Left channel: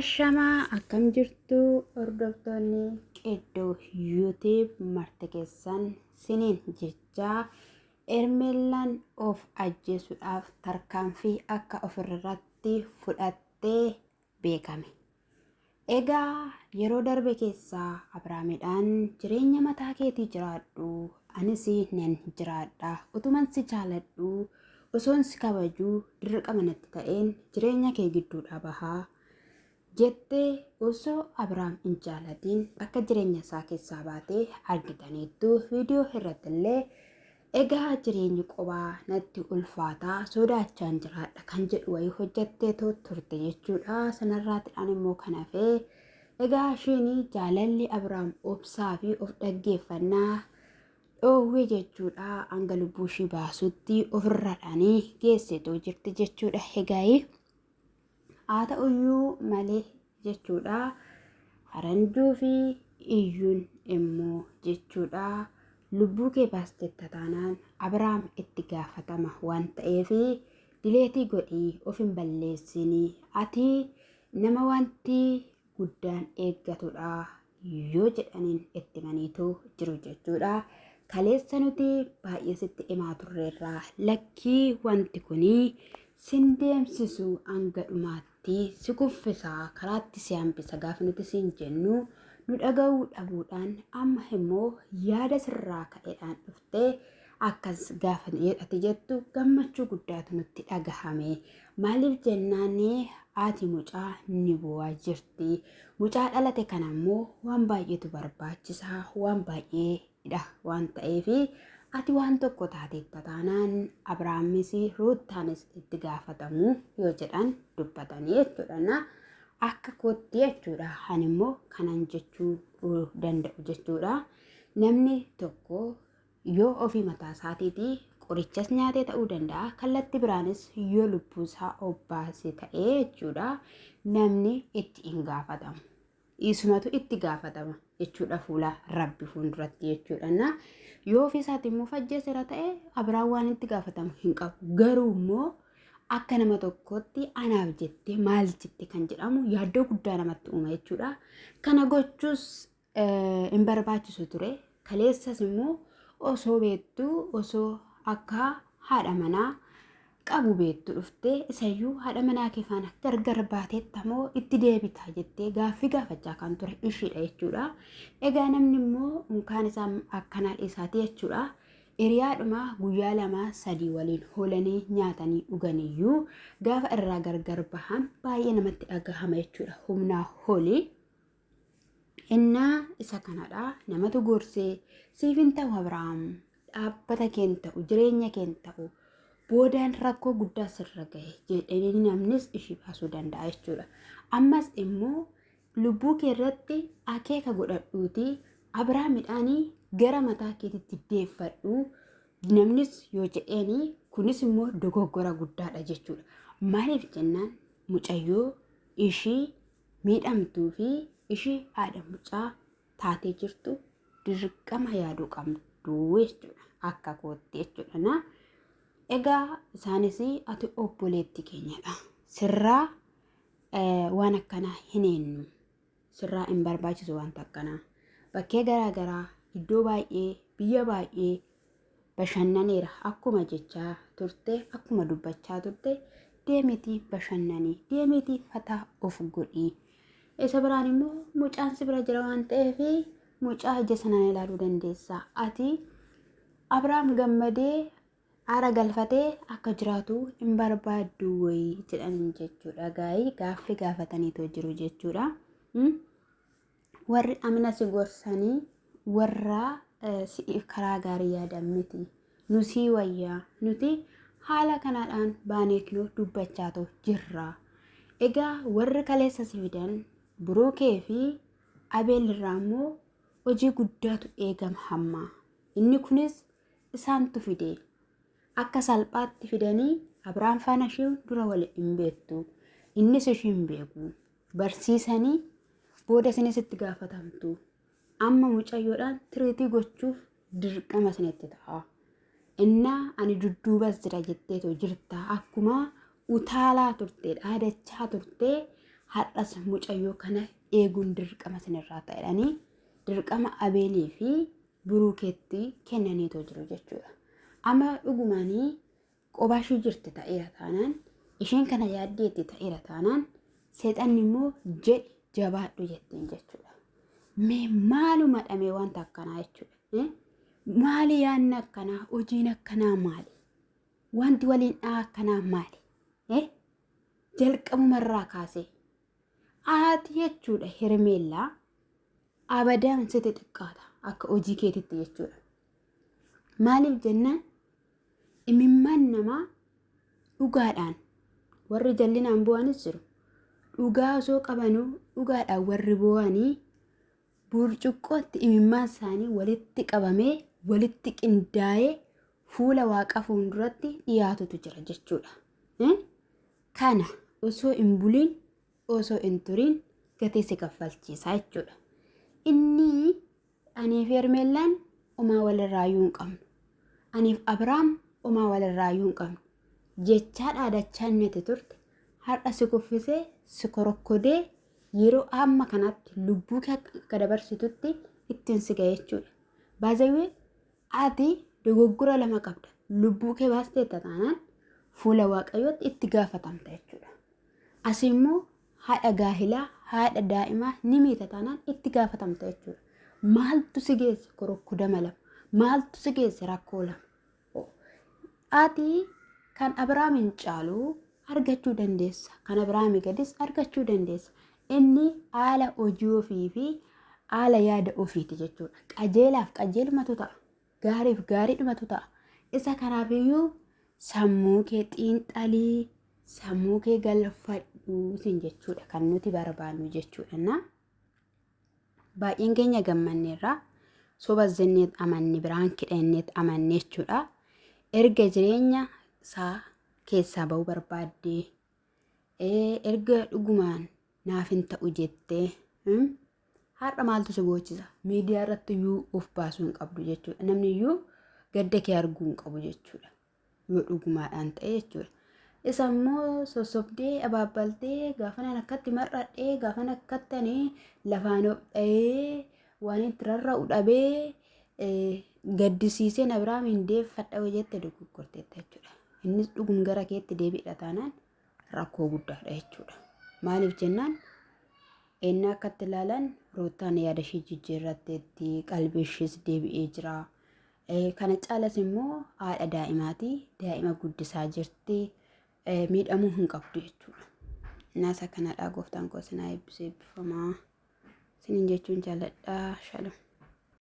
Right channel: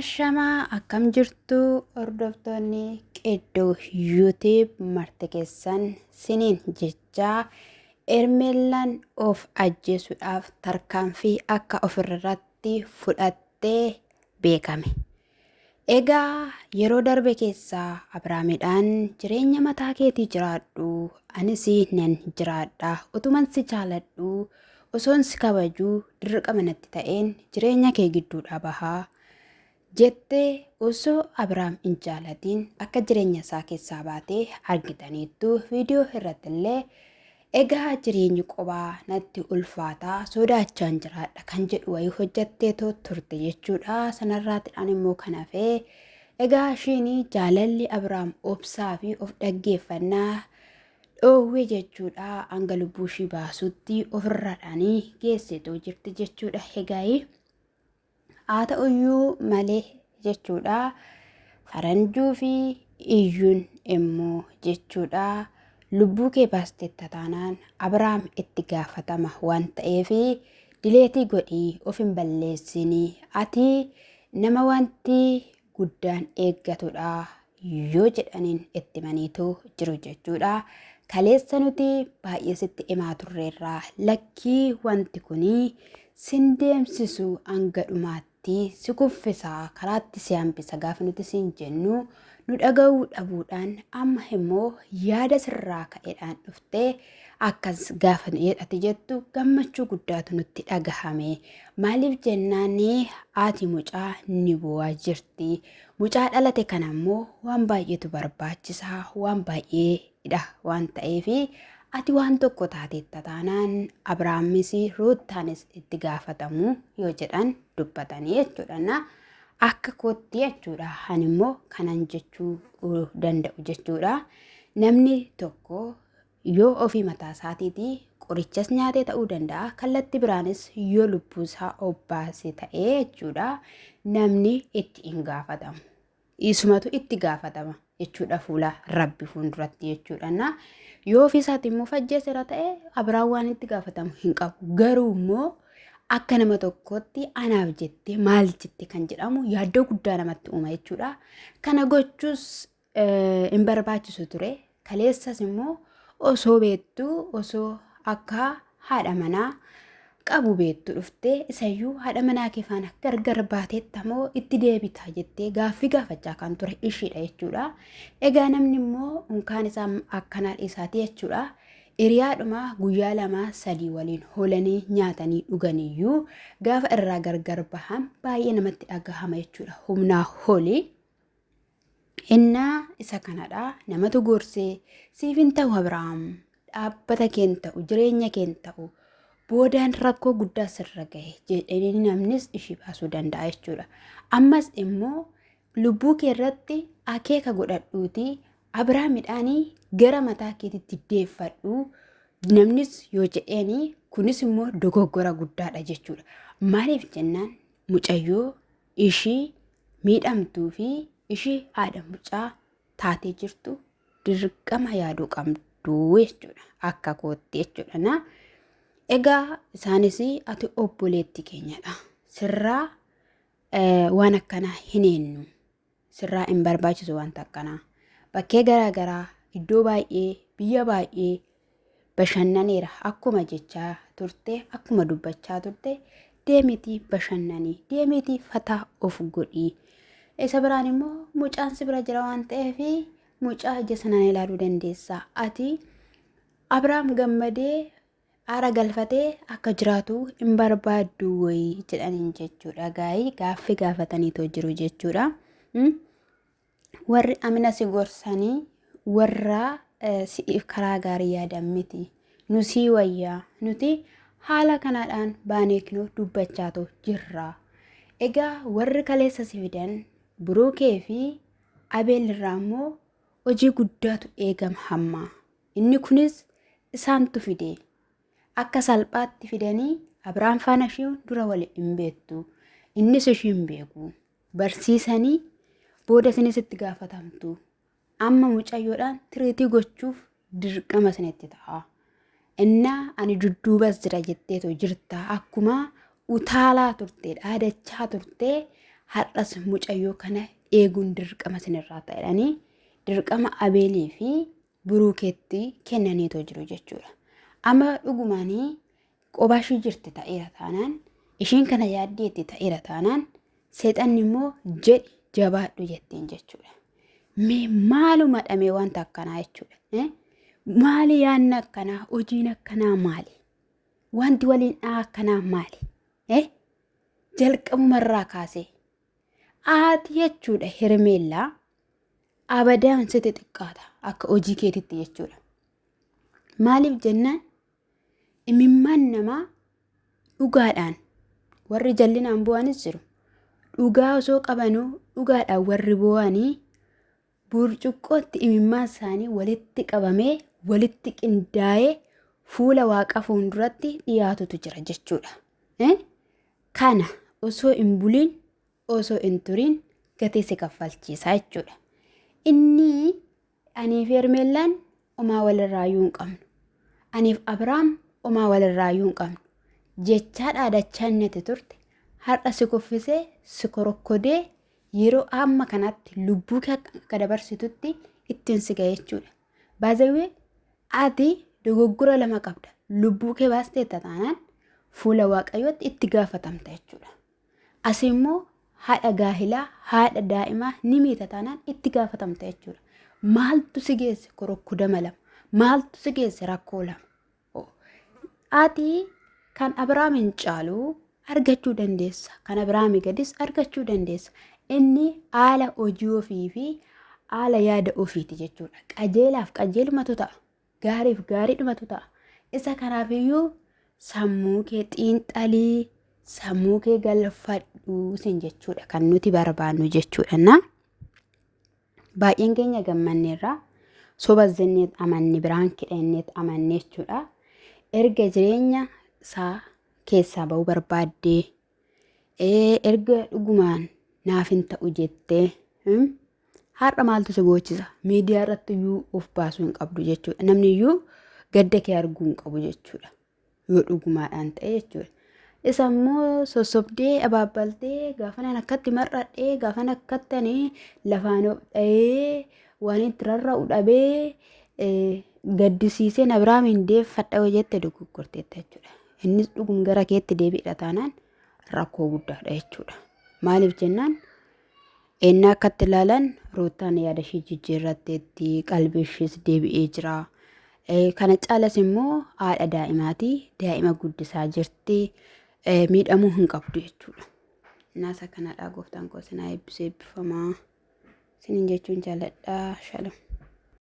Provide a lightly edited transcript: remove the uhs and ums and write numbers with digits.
Ashamaa akkam jirtu hordoftoonni qeddoo YouTube marte keessan siniin jechaa ermeellaan of ajjeesuudhaaf tarkaanfii akka ofirratti fudhattee beekame. Egaa yeroo darbe keessaa Abrahaamidhaan jireenya mataa keetii jiraadhu anis nan jiraadha utuman si jaaladhu osoon si kabajuu dirqama natti ta'een jireenya kee gidduudha bahaa. Jettee osoo Abrahaam hin jaalatiin akka jireenya isaa keessaa baatee argitaniittu viidiyoo irrattillee egaa jireenyi qobaa natti ulfaataa sodaachaan jiraadha kan jedhu wayii hojjattee turte jechuudha. Sanarraatidhaan immoo kan hafee egaa ishiin jaalalli Abrahaam obsaa fi of dhaggeeffannaa dhoowwee jechuudha. Hanga lubbuu ishii baasutti ofirraadhaanii geesseetoo jirti jechuudha. Egaa haa ta'uyyuu malee jechuudha faranjuu fi iyyuun immoo jechuudha lubbuu kee baastetta taanaan Abrahaam itti gaafatama waan ta'eef dileetii godhii of hin balleessini ati nama wanti guddaan eeggatudha yoo jedhaniin itti maniitu jiru jechuudha. Kaleessa nuti baay'ee sitti himaa turreerraa lakkii wanti kunii sin deemsisu hanga dhumaatti si kuffisaa karaatti si hambisa gaafa nuti siin jennu nu dhaga'uu dhabuudhaan amma immoo yaada sirraa ka'eedhaan dhuftee akkas gaafa jedhati jettu gammachuu guddaatu nutti dhagahame. Maaliif jennaanii haati mucaa ni bu'aa jirti. Mucaa dhalate kana immoo waan baay'eetu barbaachisaa waan baay'eedha waan ta'eef ati waan tokko taateetta taanaan Abrahaamis Ruutaanis itti gaafatamu yoo jedhan dubbatanii jechuudha. Akka kootti jechuudha. Ani immoo kanan jechuu danda'u jechuudha. Namni tokko yoo ofii mataa isaatiitii qorichas nyaatee ta'uu danda'a. Kallattii biraanis yoo lubbuusaa obbaase ta'ee jechuudha. Namni itti hin gaafatamu. Isumatu itti gaafatama jechuudha fuula Rabbi fuulduratti jechuudha. Yoo ofiisaati immoo fajjeesera ta'e Abrahaam waan itti gaafatamu hin qabu. Garuu immoo akka nama tokkotti anaaf jettee maal jette kan jedhamu yaaddoo guddaa namatti uuma jechuudha. Kana gochuus hin barbaachisu ture. Kaleessas immoo osoo beektuu osoo akka haadha manaa qabu beektu dhuftee isayyuu haadha manaa kee faana gargar baateettamoo itti deebita jettee gaaffii gaafachaa kan ture ishiidha jechuudha. Egaa namni immoo unkaan isaa akkanaa isaati jechuudha. Hiriyaadhuma guyyaa 2-3 waliin hoolanii nyaatanii dhuganiyyuu gaafa irraa gargar bahan baay'ee namatti dhagahama jechuudha. Humnaa holii innaa isa kanadha namatu gorsee siif hin ta'u Abrahaam dhaabbata keen ta'u jireenya keen ta'u boodaan rakkoo guddaa sirra gahe jedhanii namnis ishii baasuu danda'a jechuudha. Ammas immoo lubbuu kee irratti akeeka godhadhuuti Abrahaamidhaanii gara mataa keetitti deeffadhu namnis yoo jedheeni kunis immoo dogoggora guddaadha jechuudha. Maaliif jennaan mucayyoo ishii miidhamtuu fi ishii haadha mucaa taatee jirtu dirqama yaaduu qabdu jechuudha. Akka kootti jechuudha. Egaa isaanis ati obboleetti keenyadha. Sirraa waan akkanaa hin eenyu. Sirraa hin barbaachisu wanta akkanaa. Bakkee garaagaraa iddoo baay'ee biyya baay'ee bashannaneera akkuma jechaa turte akkuma dubbachaa turte deemitii bashannanii deemitii fataa of godhii. Isa biraan immoo mucaan si bira jira waan ta'eef mucaa ija sanaan ilaaluu dandeessa. Ati Abrahaam gammadee aara galfatee akka jiraatu hin barbaaddu wayii jedhaniin jechuudha. Gaaffii gaafataniitoo jiru jechuudha. Warri amina si gorsanii warra si'iif karaa gaarii yaadan miti. Nu sii wayyaa nuti haala kanaadhaan baaneeknuu dubbachaatoo jirra. Egaa warri kaleessa si fidan Buruukee fi Abeelirraa immoo hojii guddaatu eegama hamma. Inni kunis isaantu fide. Akka salphaatti fidanii Abrahaam faana ishee dura waliin hin beektu. Innis ishee hin beeku. Barsiisanii booda isinis itti gaafatamtu. Amma mucayyoodhaan tiriitii gochuuf dirqama isinitti ta'a. Innaa ani dudduubas jira jetteetoo jirta akkuma utaalaa turte dhaadachaa turte har'as mucayyoo kana eeguun dirqama sinirraa ta'edhanii dirqama Abeelii fi Buruukeetti kennaniitoo jiru jechuudha. Amma dhugumaanii qobaashii jirti ta'eera taanaan ishiin kana yaaddeetti ta'eera taanaan seexanni immoo jedhi jabaadhu jettiin jechuudha. Mee maaluma dhamee wanta akkanaa jechuudha. Maali yaanna akkanaa hojiin akkanaa maali? Wanti waliin akkanaa maali? Jalqabumarraa kaasee ati jechuudha Hermeellaa abadaan sitti xiqqaata akka hojii keetitti jechuudha. Maaliif jennaan imimmaan namaa dhugaadhaan warri jallinaan bu'anis jiru. Dhugaa osoo qabanuu dhugaadhaan warri bu'anii burcuqqootti imimmaan isaanii walitti qabamee walitti qindaa'ee fuula waaqa fuulduratti dhiyaatutu jira jechuudha. Kana osoo hin buliin osoo hin turiin gatii si kaffalchiisaa jechuudha. Inni aniif Hermeellaan homaa walirraayyuu hin qabnu. Aniif Abrahaam homaa walirraayyuu hin qabnu. Jechaa dhaadachaa inni turte har'a si kuffisee si korokkodee yeroo amma kanatti lubbuu kee akka dabarsitutti ittiin si ga'e jechuudha. Baazawee ati dogoggora lama qabda. Lubbuu kee baastee taanaan fuula waaqayyootti itti gaafatamta jechuudha. As immoo haadha gaahilaa haadha daa'imaa ni miita taanaan itti gaafatamta jechuudha. Maaltu si geesse korokkudama lama? Maaltu si geesse rakkoo lama? Ati kan Abrahaamiin caalu argachuu dandeessa. Kan Abrahaamii gadis argachuu dandeessa. Inni haala hojii ofii fi haala yaada ofiiti jechuudha. Qajeelaaf qajeelumatu ta'a. Gaariif gaariidhumatu ta'a. Isa kanaafiyyuu sammuu kee xiinxalii, sammuu kee galfadhu sin jechuudha kan nuti barbaannu jechuudha. Baay'een keenya gammanneerra soba zenneet amanni biraan kidhanneet amanne jechuudha. Erga jireenya isaa keessaa ba'uu barbaaddee erga dhugumaan naaf hin ta'u jettee har'a maaltu si gochisa? Miidiyaa irratti iyyuu of baasuu hin qabdu jechuudha. Namni iyyuu gadda kee arguu hin qabu jechuudha. Yoo dhugumaadhaan ta'e jechuudha. Isa immoo sossobdee abaabbaltee gaafana akkatti mar'adhee gaafana akkatti lafaan dha'ee waan itti rarra'u dhabee gaddisiiseen Abrahaamiin deeffadha jette dogoggorteetta jechuudha. Innis dhugum gara keetti deebiidha taanaan rakkoo guddaadha jechuudha. Maaliif jennaan ennaa akkatti ilaalan Ruutaan yaada ishee jijjiirratteetti qalbii ishees deebi'ee jira. Kana caalas immoo haadha daa'imaati. Daa'ima guddisaa jirti. Miidhamuu hin qabdu jechuudha. Naasa kanadhaa gooftaan koo sinaa eebbisee eebbifamaa. Sinin jechuun jaalladhaa. Shalom.